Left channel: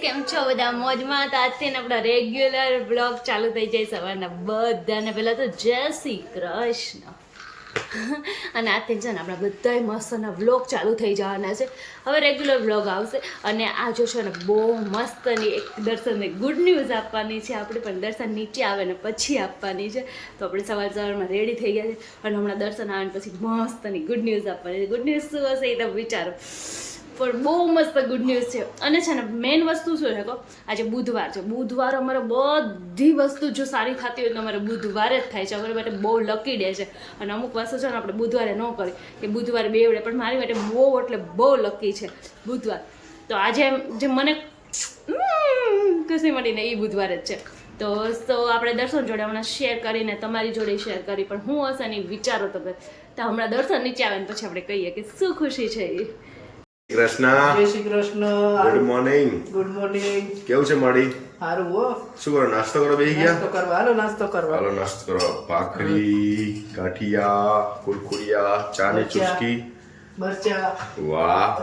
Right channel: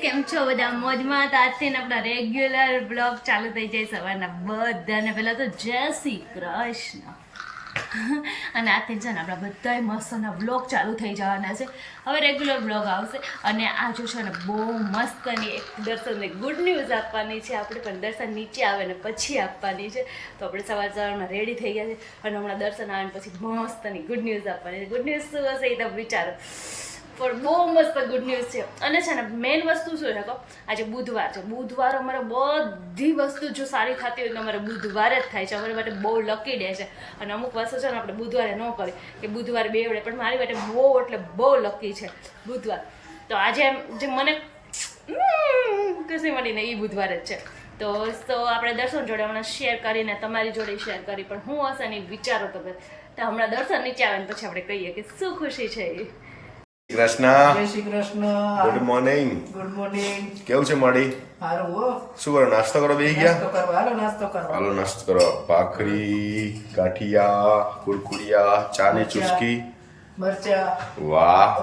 કેમ છો બધા? મોજમાં તો આજથી આપણા રેગ્યુલર બ્લોગ ચાલુ થઈ જાય સવારના બધાને. પેલા તો જય શ્રી કૃષ્ણ. અને આજથી છે ને આપણા બધાય મસ્તના બ્લોગ ચાલુ થઈ જવાના છે. હવે રેગ્યુલર બ્લોગ આવશે અને આ જો છે ને બહુ મસ્તની એક દર્શનને ગુડ ન્યૂઝ આપવાની છે. આપણે પણ દર્શન નીચે આવે ને પછી આપવાની છે. તો આપણે સવાર સવારમાં રેડી થઈ ગયા છે. અને હમણાં દર્શન આવે ને પછી મસ્તની ગુડ ન્યૂઝ આપવાની છે. ગુડ ન્યૂઝ શું હશે એ તમે વિચારો. પણ બહુ મસ્ત ગુડ ન્યૂઝ છે. અને છે ને મેઇન વસ્તુ શું છે તો આજે બુધવાર છે. બુધવાર અમારે બધી વસ્તુ જો સારી થતી હોય તો અમારે બુધવારે જ થાય છે. અમારી માટે બહુ લકી ડે છે. અને અમુક વસ્તુ છે ને, આપણે બુધવારે ન કરી કે બુધવારે બેવડે પણ મારી માટે બહુ, એટલે બહુ લકી છે બુધવાર. તો આજે જે મને ખુશી મળીને એ બુધવારે જ છે. તો તો આપણે દર્શન જોડે હમણાં શેર કરીને, તમારી જોડે શેર કરી. પણ હું હશે ને વિચારો તો હમણાં દર્શન નીચે આવે ને પછી આપણે કહીએ કે શું ખુશી છે એ. કૃષ્ણ જય Shri Krishna. Good morning good morning કેવું છે મળી સારું હો. શું કરો નાસ્તો કરો બેસી નાસ્તો કરવા હાલો નાસ્તો કરવા. હાલો નાસ્તો કરો ભાખરી ગાંઠિયા કુરકુરિયા ચા ની ચુસ્કી. મરચા. વાહ.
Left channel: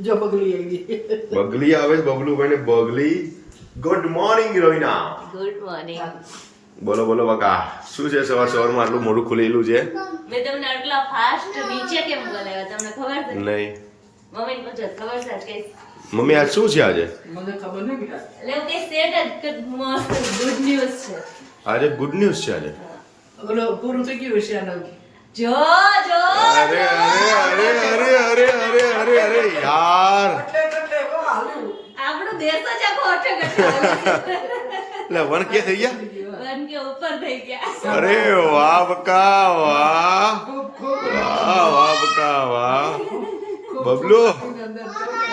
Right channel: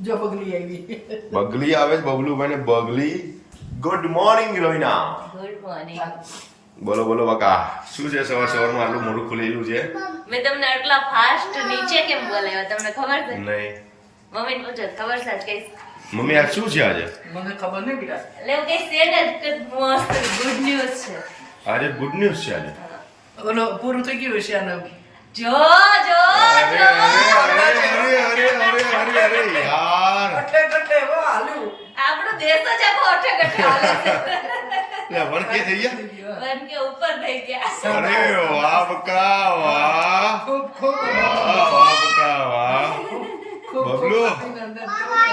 જો બગલી આવી. બગલી આવે છે બબલુભાઈ ને બગલી. Good morning Rohina. Good morning બોલો બોલો બકા. શું છે સવાર સવારમાં આટલું મોઢું ખુલેલું છે? મેં તમને આટલા ફાસ્ટ નીચે કેમ બોલાવ્યા? તમને ખબર છે? નહીં. મમ્મી પૂછો ખબર છે કે મમ્મી આ શું છે આજે? મને ખબર નહીં બીરા એટલે કે સેડ જ મસ્ત ગુડ ન્યૂઝ છે. આજે ગુડ ન્યૂઝ છે આજે? ઓલો પૂરું થઈ ગયું છે આનો જો જો અરે અરે અરે અરે અરે અરે અરે યાર. આપણો દેશ જ આખો અઠે એટલે વન કે થઈ ગયા? વન કે ઉપર થઈ ગયા. અરે વાહ બકા વાહ. ખૂબ ખૂબ. વાહ વાહ બકા વાહ. બબલુ.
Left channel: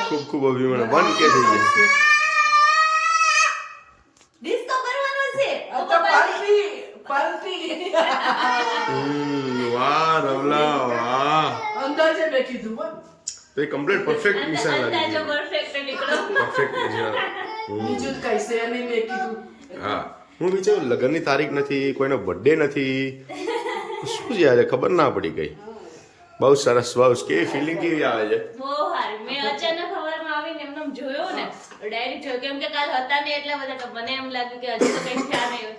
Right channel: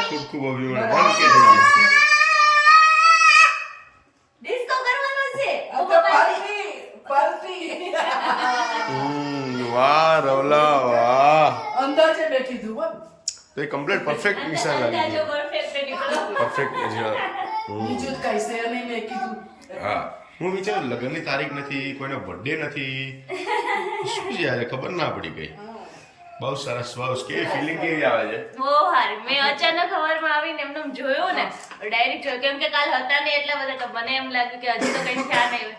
ખૂબ ખૂબ અભિમાન. વન કે થઈ ગયા. ડિસ્કો કરવાનો છે. આ પાર્ટી પાર્ટી હમ, વાહ રવલા વાહ. અંદાજે બેઠી તું તો એ કમ્પ્લીટ પરફેક્ટ નિશાન લાગી ગયું. પરફેક્ટ નીકળો પરફેક્ટ બીજું કઈ છે નહીં મેં કીધું. હા. હું વિચારું લગ્નની તારીખ નથી કોઈનો બર્થડે નથી. શું છે આજે? ખબર ના પડી ગઈ બહુ સરસ બહુ કેવી ફિલિંગ કેવી આવે છે? બહુ સારી. મેં અચાનક ખબરમાં આવીને એમને એમ જોયું ને ડાયરેક્ટ જોયું. કેમ કે કાલ હતા ને એટલા બધા તો મને એમ લાગ્યું કે હજી તો કઈ થયા નહીં હોય.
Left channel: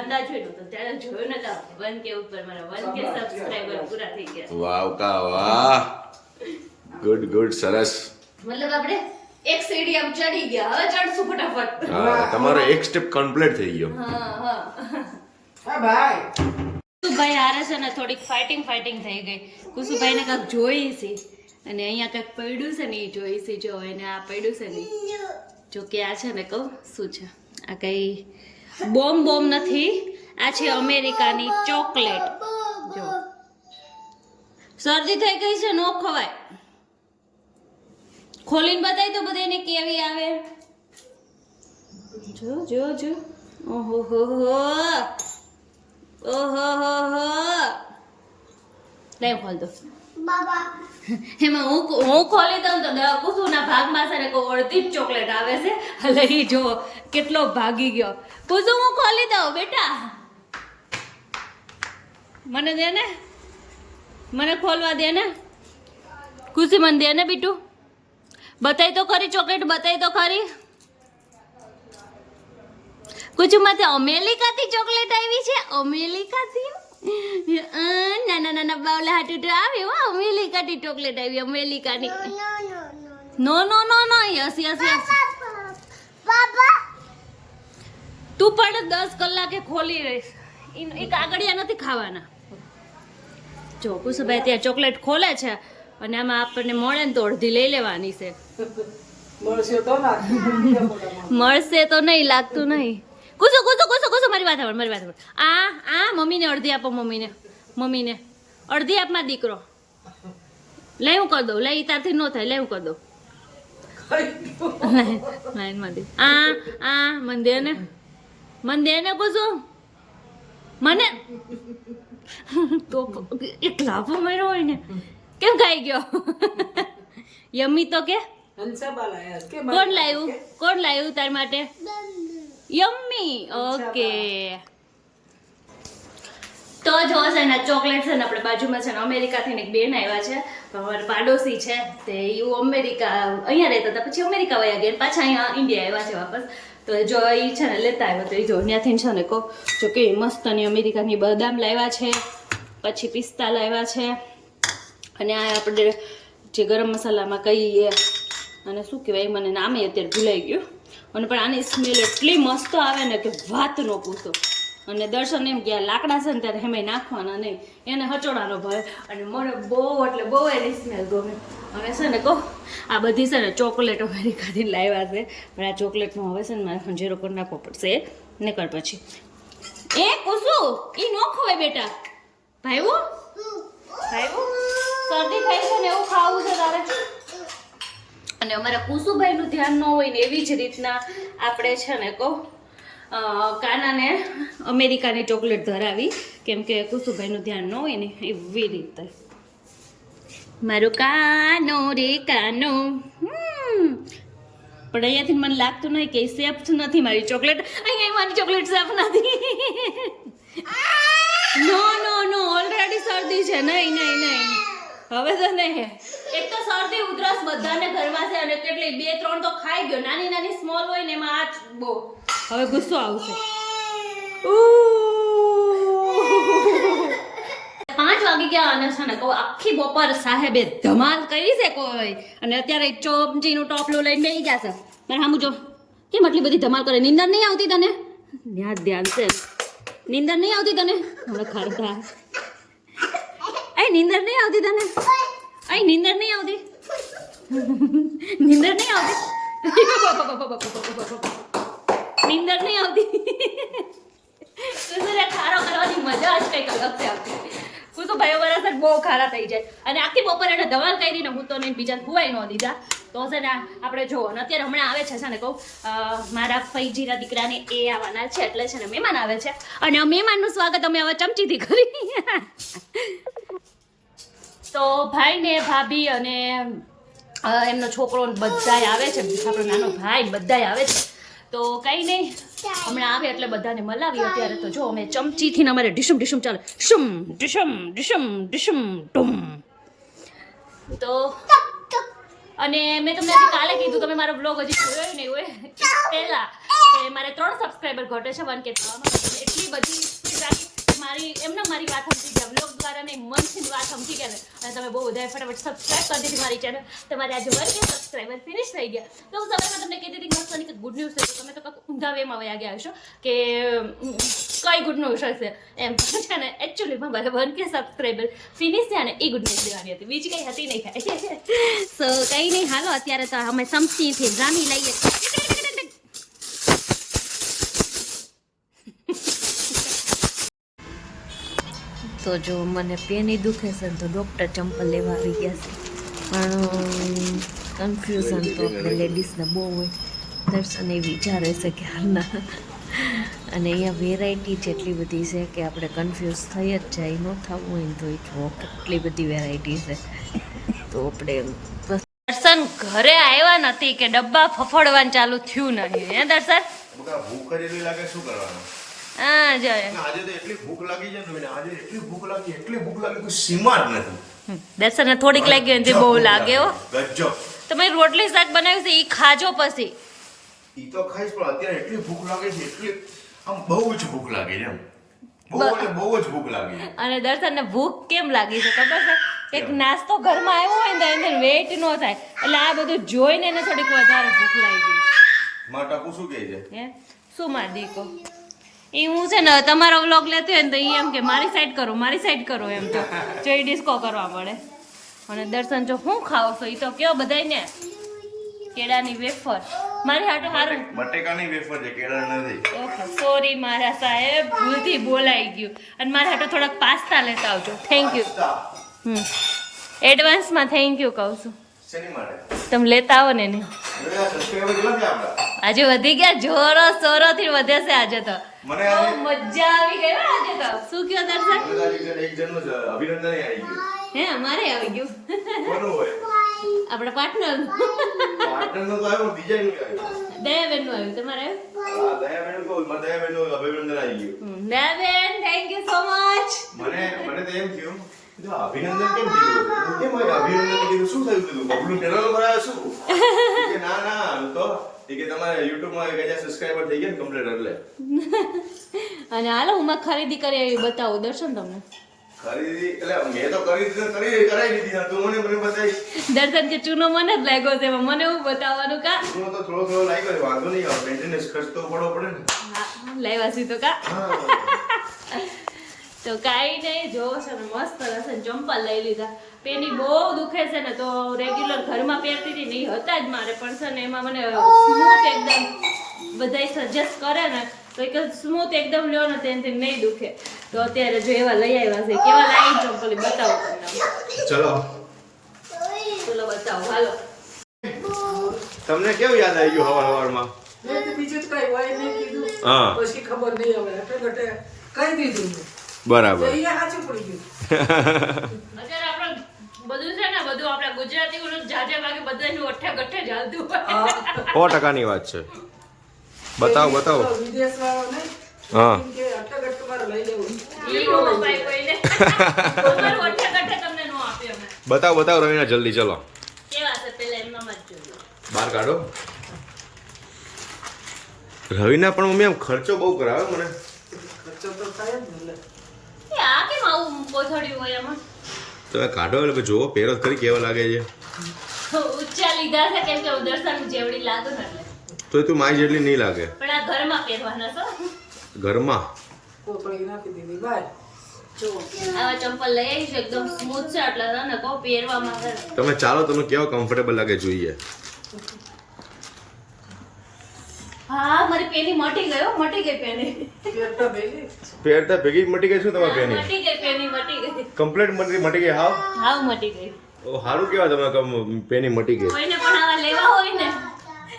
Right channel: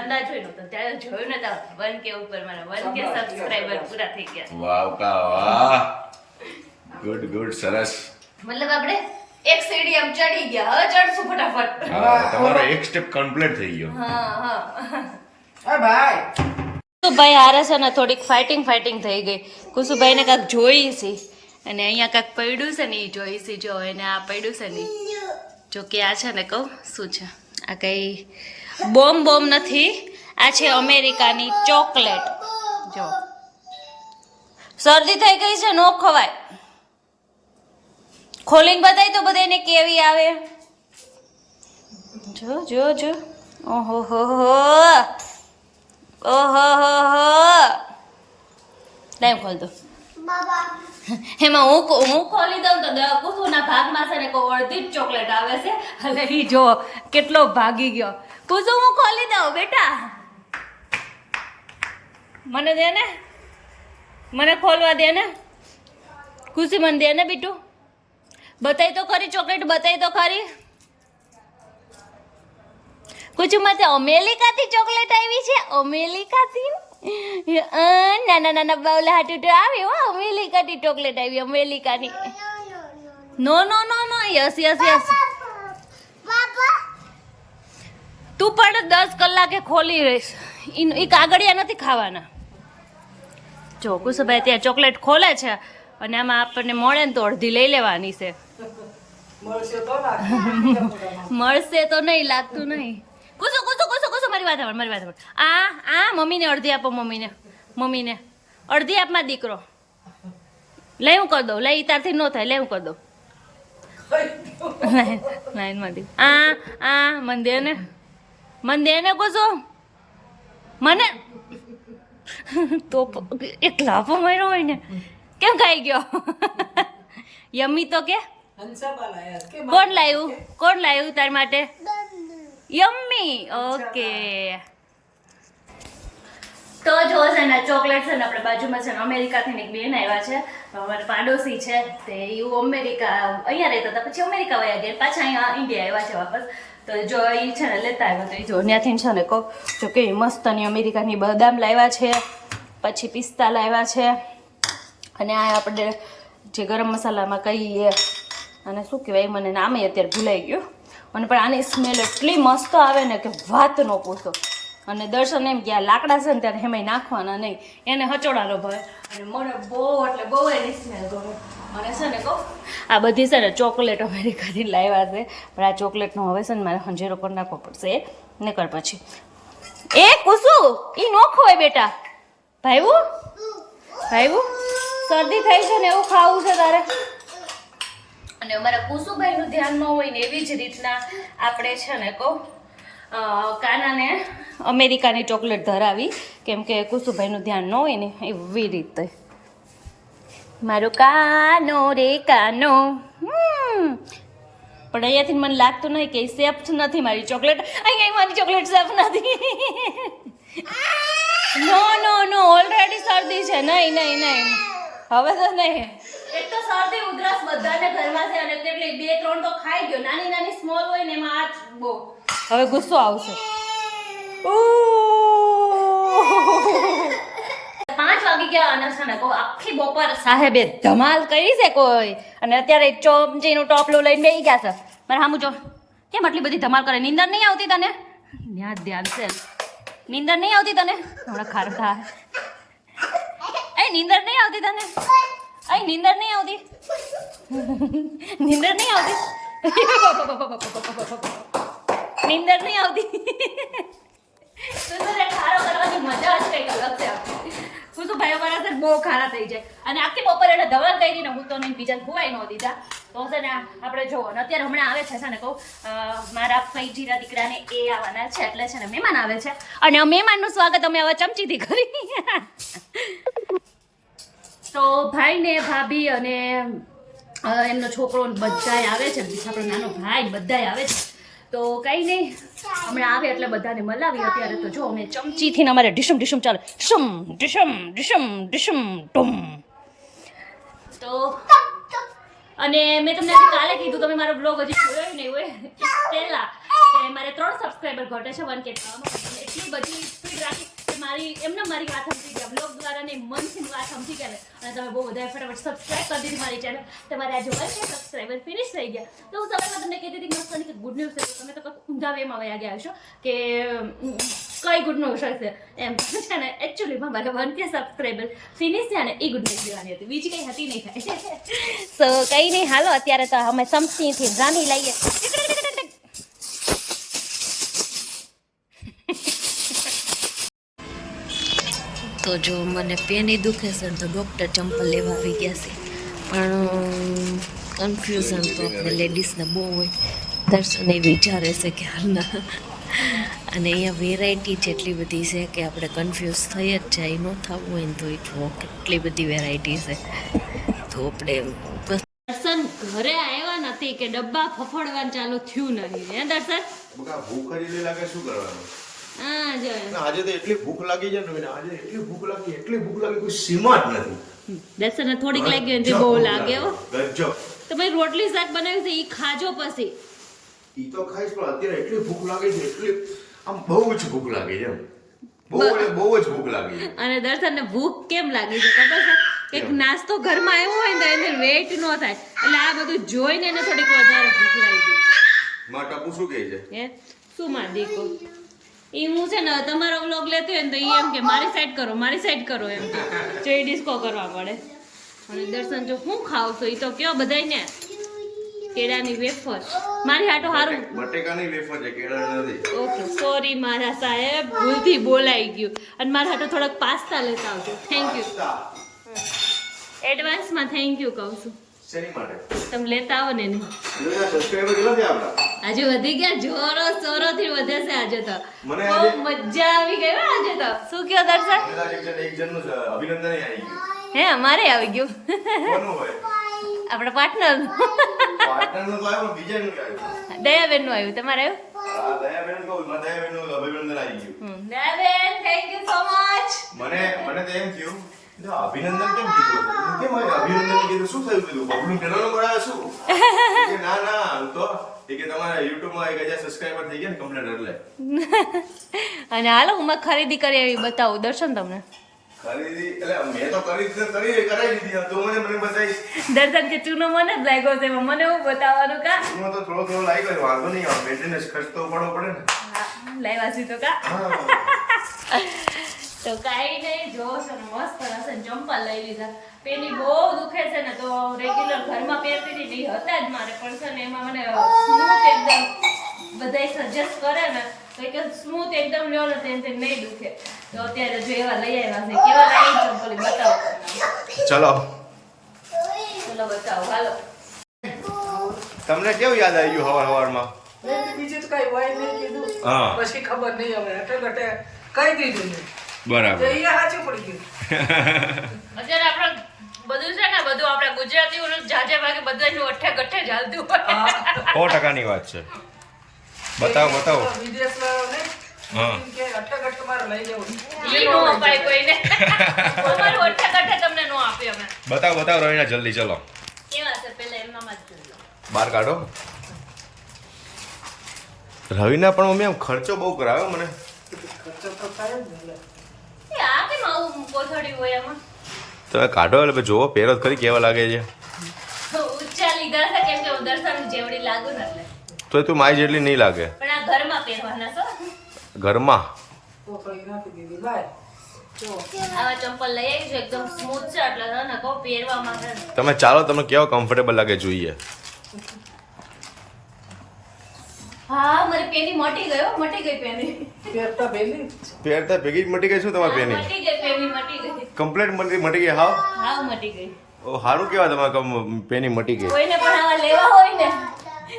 અંદાજ ત્યારે જોયું ને તો વન કે ઉપર મારા વન કે સબસ્ક્રાઈબર પૂરા થઈ ગયા. વાવ કા વાહ. ગુડ ગુડ સરસ. મતલબ આપણે એક સીડી આમ ચડી ગયા. હવે ચડશું ફટાફટ. હા તમારો એક સ્ટેપ કમ્પ્લીટ થઈ ગયો. હા હા. હા ભાઈ. કુસુભાઈ હારે છે ને થોડીક ફાઇટિંગ ફાઇટિંગ થઈ ગઈ. કુસુભાઈને કાંઈક જોઈ છે. અને અહીંયા કાંઈક પડ્યું છે ને એ જોઈ છે. જો, એને આ પડ્યું છે ને. જો કે આ છે ને કહું, શું છે? આ કંઈ બોમ્બ બોમ્બ નથી. આ છે અમેરિકાની ચોકલેટ. જો. શરદી થઈ ગઈ છે, નો ખવાય. ખોલીને બતાવી તો બધાને કેવી આવે. જો જો જો. ઓહો, હો હો. ઓહો હો હો. લાઈવ ખોલ દો. એમાં હું હું ખોલી દઉં તો દવા કુસુના ભાગમાં સારે કોઈ અડધી જ ચોકલેટ આવે છે. એટલે એ જો કેટલો ભાગી ગયો. કુસુ હું ખોલી દઉં બેટા. મને દે ને? મને ખોલવા દે ને? ખુશી મને દે ને બીટું? બતાવી તો ખરી ચોકલેટ બતાવી તો ખરી. કુચુમાંથી અમેરિકાથી ચોકલેટ આવી છે અમેરિકાથી? નાના નાના બાવલા હાટુ આવે હો અમેરિકાથી ચોકલેટ આવી અમેરિકાની. No no no no yes yes yes તું પણ દસ કલાકે ખોલી રહીશ. એ કાગળિયા નથી ખાવાના. જો કુસુભાઈ ત્યાં ચોકલેટ ખોલે છે અને આમાં આપણને મળે ને તો અડધી લઈ લેવાની છે. મળશે તો ના. મળશે તો નહીં લાગતું નહીં. કુસો કુસો કુસો કુસો મારી વાત સાંભળ મારી વાત સાંભળ. આ આ મમ્મીને અડધી આપો મમ્મીને. મમ્મીને. અડધી આપમાં દીકરો. લઈ હું કરી દઉં લઈ તારથી ન થાય લઈ હું કરી દઉં. લાઈનમાંથી આ આ મંદિરને મંદિરને ને. મન ને કુસો મને? તો એક લાફો માર્યો હોય ને. કેમ ખાઈ ગયો? યમ્મી તો કે? કે કોણ લાવ્યું કોણ લાવ્યું તાર માટે? યમ્મી ઓકે તો જો છે ને ચોકલેટ છે ને આપણે બાજુમાં છે ને અમેરિકાથી એક બેન આવ્યા છે. અમારા પાડોશી છે તે એવું અમેરિકા અહીંયા રહેતા હતા. પછી અમેરિકા વયા ગયા પાછા અહીંયા ઇન્ડિયા આવ્યા છે વાપસ. તો જો એ છે ને લેતા આવ્યા તો એ જો ત્યાંથી છે ને કહો જો કે અને અમેરિકાની બદામ લાવ્યા છે પછી પિસ્તા લાવ્યા છે. અને આ આપણે જે ગરમ મસાલામાં કહીએ અને શું કહેવાય મને નામે અત્યારે ભૂલાઈ ગયું. અને પણ આની સ્મેલ એટલી મસ્ત આવે ને કે વાત ન પૂછો. અને દર્શન એમ કે આ લાકડા છે ને ત્યારે એમાંય નાખવાના નહીં. એને હચોડાનો ભાવે અને મને બહુ, એટલે બહુ એની સ્મેલ ગમે. અને છે ને કહો, આ બધી છે ને ચોકલેટ અમેરિકાથી લાવ્યા છે. પણ આ ચોકલેટનો હવે છે ને મારે હંજેરો કરી નાખવો પડશે. એ નીકળ પછી. એ કુસુ, ઈ નો ખવાય બેટા. ભાઈવું ભાઈવું શરદી થઈ છે ને એવું ખાવું છે તારે? અને અમારા કુસુભાઈનું ધ્યાન ન હોય ને એવી જ રીતના આપણે છે ને કહો કાનાને અમેરિકાની ચોકલેટ ધરાવી. કેમ કે કુસુભાઈનું ધ્યાન ન હોય ને એવી રીતે. મારું કાનો રે કાનો હમ. પણ અહીંયાથી મને લાગતું નહીં કે સેફ નથી મારી ચોકલેટ. અહીંયા મારી ચોકલેટ સેફ નથી. નો નો નો ઓલરેડી શરદી છે. નહીં નહીં નહીં. હવે તો નહીં. એક તો શરદી ઉધરસ બધાને ઘરમાં છે અને કેટલી બે ત્રણ તો ખાઈ ગયો. નાની નાની સ્મોલ હોય ને એમાં આ બહુ. હવે ગુસ્સો આવશે. પાંચ વાગી ગયા અને છે ને કહું આખી બપોર સાહેબે ધમાલ કરી છે કોઈ. અને અત્યારે ચોમચીનું ટોપલું લઈને બેસી ગયા છે. મારે સામું જો કેમ આટલી બધી ધમાલ કરે? નીંદર નહીં આવતી તને? ધ્યાન ધ્યાન છે. નીંદર નહીં આવતી તને? હમણાં ખાર થાય. એ નીંદર નહીં આવતી તને? એ નીંદર નહીં આવતી? નીંદર નહીં આવતી? નીંદર નહીં આવતી? તને ખારો કરવાની મજા જ કંઈક અલગ છે આવતી હું તો ભાઈઓ વરસ જ બહુ ખારા થઈ જાય. અને આખી બપોર એને ધવલ કરી ને હું તો નહીં બીજાને ખુવાઈ ન દીધા. તો છે ને આપણે જુઓ અને અત્યારે હમણાં આવે છે ને કહું મારા ફૈજીના દીકરાને એ આવવાના છે. એટલે છે ને મહેમાન આવે છે. અને મહેમાનનું સ્વાગત અમે હવે ચમચીથી કરી. તો ભાઈ ને ભાભી અને એમનો છોકરો બધાય આવે છે. આપણો નાનો ભાઈ બધાય આવે છે. તો કંઈ નહીં હમણાં આવે એટલે બધાને મલાવી અત્યારે તો જો અમે ચમચીથી અમારે ઢીસમ ઢીસમ ચાલે. ઢીસમ ઢીસમ ઢીસમ ઢીસમ ટુમ તો અને મેં તમને હજી કાલે કીધું, તમે મારો બ્લોગ હજી જોયો નહીં હોય. પહેલાં કે મારે ત્રણ સબસ્ક્રાઈબર ઘટે છે વન કે એટલી બધી સ્પીડ રાખી. મારી એમને મારી વાત સમજી ગયા. બ્લોગ દ્વારા ને મનથી વાત સમજી ગયા અને તમે બહુ બધા ફટાફટ સબસ્ક્રાઈબ કરી દીધી મારી ચેનલ તમારે આજે કે સબસ્ક્રાઈબર ફિનિશ થઈ ગયા. તો હું સમયમાં તમને કહેતી હતી મસ્તની કે ગુડ ન્યૂઝ છે. તમે તો કંઈક ઊંધા વેમાં વયા ગયા હશો કે કઈ ગુડ ન્યૂઝ હશે? એમ. છે ને એકચ્યુઅલીમાં મારા વન કે સબસ્ક્રાઈબર ફિનિશ થયા ને, એ ગુડ ન્યૂઝ દેવાની હતી. બીજી કંઈ હતી નહીં. સો કંઈ નહીં. હાલો, અત્યારે તો અમે સમસીથી રામી લઈએ. તો જો મને પેની દુખે છે તો ડૉક્ટર ચંપલ લેવા આવી ગયા છે. પણ કન્ફ્યુઝન તો આપણે લેડીઝને બહુ હોય. દર્શન એ વિચારે છે કે હાલના. અને અહીંયા વેરાયટી જેટલી બધી છે કે આપણે કન્ફ્યુઝ થઈ જ જાય, ન થવું હોય તો એ જુઓ કેટલી બધી વેરાયટી છે. તો આપણે દર્શન ઘરે આવ્યા નથી કે ડબ્બા ફફડવાનું ચાલુ થયું નહીં. હે દર્શન? ભૂખ લાગે, શું કરવાનું? હા જો આજે તો એટલી ભૂખ લાગી છે ને આજે એટલી ભૂખ લાગી એટલી ભૂખ લાગી કોઈ સીમા જ નથી. દર્શનને થોડીક લાગી હોય તે બહુ લાગે હો. ગજબ. તમે રોટલી શાક બનાવ્યું છે એ ખાજો પછી. ઈ તો ખાઈશ પણ અત્યારે એટલી ભૂખ લાગે છે એટલી આમ બહુ જ ભૂખ લાગે છે બહુ એટલે બહુ જ ભૂખ લાગી છે. અને દર્શનને ભૂખ કેમ લાગી છે ખબર છે? એક નાસ્તો ઘરમાં આવ્યો હોય ને એને વેટ ન થાય. એટલે આ બધું જોઈને એને થોડીક વધારે ભૂખ લાગી. ગઈ ટપુ શું કહે છે? હે? શું માં દીકો? એ હું છે ને તમારો વ્લોગ લેતો હોય ને તો એ એમ કે મારી સાઈડ કરો મારી સાઈડ કરો એમ તો. જો એ ડિસ્કો કરવા મળે અને દર્શન જો હું ખાવ છો એ તો કયો બધાય ને કેળાની વેફર. મારી હાટો સારું બટેકાની વેફર છે કેળા નથી. ઓકે સોરી મારા સાહેબ ભૂલથી બોલાઈ ગયું. અને મારા હાટો થોડાક પાસ્તા લેતા આવજો. Thank you hmm. એડવાન્સમાં થેન્ક યુ કહું છું. તમે લેતા આવો ને આજે વધી ગયા જોરો સોરો થી વધે છે આજે તો. બહુ મજા આવી ગઈ આજે તો. શું કયો દર્શન એક જણ- અભિનંદન આવી ગયું. હે અમારે આવી ગયું. આપણા પાર્ટનર દયાબેનનું આવ્યું તમારે આવ્યું? Dayaben thank you so much મને મને તો એમ થયું અભિનંદન કેમ કીધું કેમ અભિનંદન કીધું શું થયું કીધું બબલું પેલાનો કરાવે શું ના ના આમ તો કે તમારા યુટ્યુબમાં એક હજાર સબસ્ક્રાઇબર થઈ ગયા ને કમ્પ્લીટ એટલે અને હાલો હું ખરીદી કરી આવી બતાવું દર્શન તમને ખરીદી એટલે મેં તો કરી કરી કરાવી દીધી તું મને મને બતાવી દર્શન કે ચૂનો મને જ લાગ્યો છે મને એવું બતાવવાનું કા હું તો થોડો થોડો લાગી ગયો વાંધો નહીં આવે મેન્ટેનન્સ ખર્ચ તો પડવો પડે ને હા, લાવ્યા છે તો કા હા તો કાંઈ નહીં જો છે ને મસ્ત હશે ચંપલ લઈ લીધા. પેની બહુ દુખે છે ને તો રેગ્યુલર ઘરમાં પહેરતી હતી નહીં હતા જ મારે પણ છે ને એમાં મને સ્મૂથ એકદમ બધાય સજેસ્ટ કરે ને તો એક સ્મૂથ એકદમ લ્યો ને તેનાથી નહીં દુખે. તો અત્યારે જો એવા લઈ આવ્યા છે. કેવા લાઈન ચંપલ બતાવો તમને. ચલો. ચલો બતાવો હાલો. તમને કેવું યાદ આવી ગયું હવાર હવારમાં? મેં બીજું તો કઈ હોય નહીં કીધું. પછી ખબર નહીં હવે કઈ ઘટે દીધું બરાબર. સો ટકાની વાત છે. બતાવો બતાવો. હા. બતાવો બતાવો રવિના જલ્દી ચલો. બહાર કાઢો. રવિના પણ મમ્મી આમ ખર્ચો બહુ કરાવ્યો મને. ખર્ચો તો થાય જ ને આ કેમ આવું કોથળ્યું હોય એમાં? તમે કાઢો એટલે જોવો પહેરો કરી કેવા લાગે છે. ઊંચા લીધા છે કેમ કે હું દર્શન જેવડી લાગુ ને એટલે. તો તું મારી જેટલી નહીં લાગે. પણ આ ઘરમાં પહેરવાના છો? ઘરમાં? કોથળી નાખી દીધી બાય જો. આવા ચંપલ લઈ છે એકદમ સ્મૂથ છે એટલે છે ને કહું પહેરવા માટે તમે ચાલો તમને કેવા કમ્ફર્ટેબલ લાગે જોઈએ. હા મારી પેની મટી ગયો મટી ગઈ પેની. પહેરતા પહેલી ભેગી. જ મટી ગઈ શું તમારી પેની? મટી ગઈ પેની મટી ગઈ. કમ્પ્લેટ મટી મટી ગઈ હાવ? હાવ મટી ગઈ. ઓ સારું કેવા તમારે પેની મટી ગઈ. કોઈને પણ આવા લેવા હોય ને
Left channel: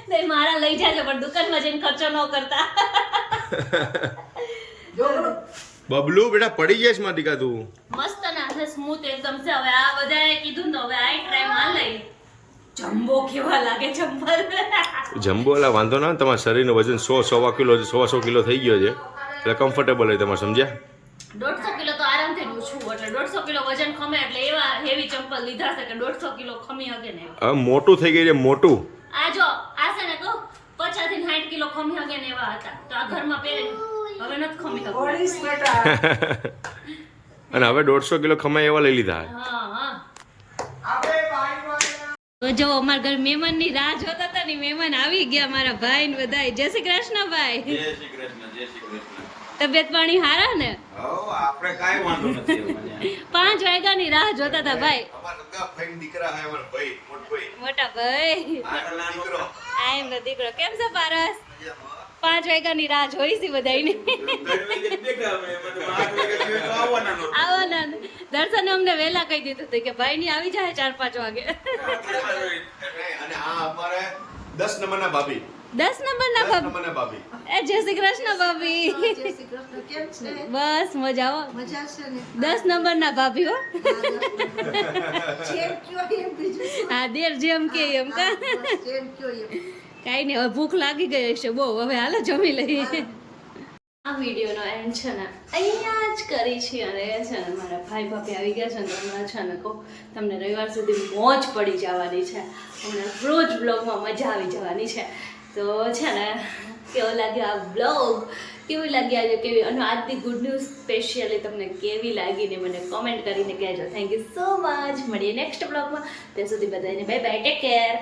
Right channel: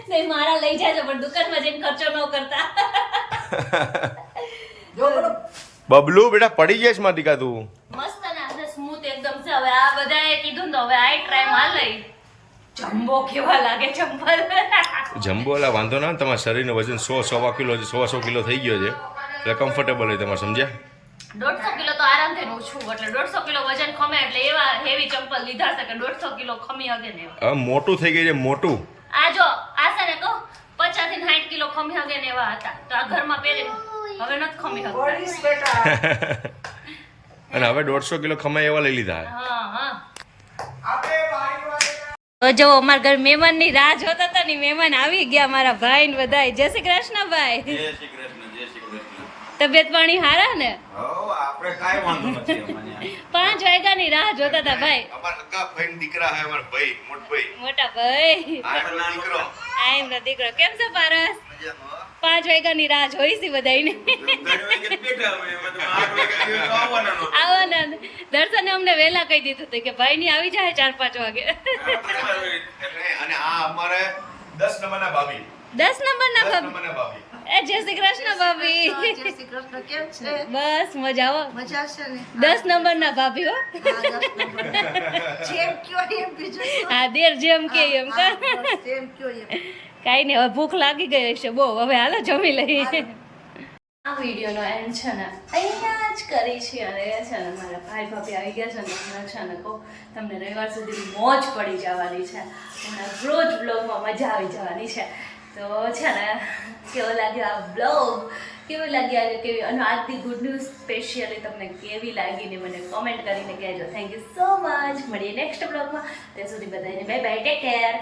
તો મારા લઈ જાય છે પણ દુકાનમાં જઈને ખર્ચો ન કરતા. બબલુ બેટા પડી જઈશમાં દીકા તું? મસ્ત ના સ્મૂથ એકદમ છે. હવે આ બધાએ કીધું ને હવે આ ટ્રાયમાં લઈ. જમ્બો કેવા લાગે ચંપલ? જમ્બો એટલે વાંધો ના તમારા શરીરનું વજન સો સવા કિલો સવા સો કિલો થઈ ગયો છે. એટલે કમ્ફર્ટેબલ હોય તમારે સમજ્યા? દોઢસો કિલો તો આરામથી ઓછું એટલે દોઢસો કિલો વજન ખમે એટલે એવા હેવી ચંપલ લીધા છે કે દોઢસો કિલો ખમી હગે ને એવા. હવે મોટું થઈ ગયું છે મોટું. આ જો આ છે ને કહું પચાસથી સાઠ કિલો ખમી હગે ને એવા હતા. તો આ ઘરમાં પહેરે હવે નથી ખમી શકતા અને હવે દોઢસો કિલો ખમાય એવા લઈ લીધા હા હા. તો જો અમારા ઘર મહેમાનની રાહ જોતા હતા ને મહેમાન આવી ગયા મારા ભાઈ ને બધા જય શ્રી કૃષ્ણ ભાઈ. તબિયત પાણી હારા ને? આપણે કાંઈ વાંધો નથી અમને. પાંચ વાગ્યા ની રાહ જોતા હતા ભાઈ. દીકરા હે અમાર ભાઈ મોટભાઈ મોટા ભાઈ. આ એમનો દીકરો. આ એમનો દીકરો. કેમ છે પારસ? પાંચ વાગ્યાની રાહ જોઈ છે બધાને આવવાના. દર્શને અમને વહેલા કહી દીધું હતું કે ભાઈ ની આવી જાય ચાર પાંચ વાગે. અને આ અમારે દસ નંબરના ભાભી દસ નંબર ના ભાભી. નંબરના ભાભી. એ જય શ્રી કૃષ્ણ ભાભી. જય શ્રી કૃષ્ણ કેમ છે? બસ મજા આવો મજા છે ને? દસ નંબર ના ભાભી હો. જેમ કયો એમ બીજું હા દેર જેમ કે એમ કા. જેમ કયો એમ. કાંઈ નહીં, હવે ભૂખ લાગી ગઈ હશે બહુ. હવે હાલો જમી લઈએ. આ વિડીયોનો એન્ડ છે ને, અહીંયા જ કરી છે અને છે ને મારા ભાઈ ભાભી આવી ગયા છે ને હમણાં છે ને કહું, તમને રવિવાર સુધી મોજ પડી જવાની છે. હમણાં રોજ બ્લોગમાં મજા આવી જવાની છે. તો છે ને, કેવો લાગ્યો આ બ્લોગ કેવી લાગી આજે? કેવી? અને આજની ગુડ ન્યૂઝ સ્પેશિયલી તમને કેવી લાગી ને મને કોમેન્ટ કરીને કહેજો. થેન્ક યુ સો મચ મળીએ નેક્સ્ટ બ્લોગમાં ત્યાં સુધી બધાને બાય બાય ટેક કેર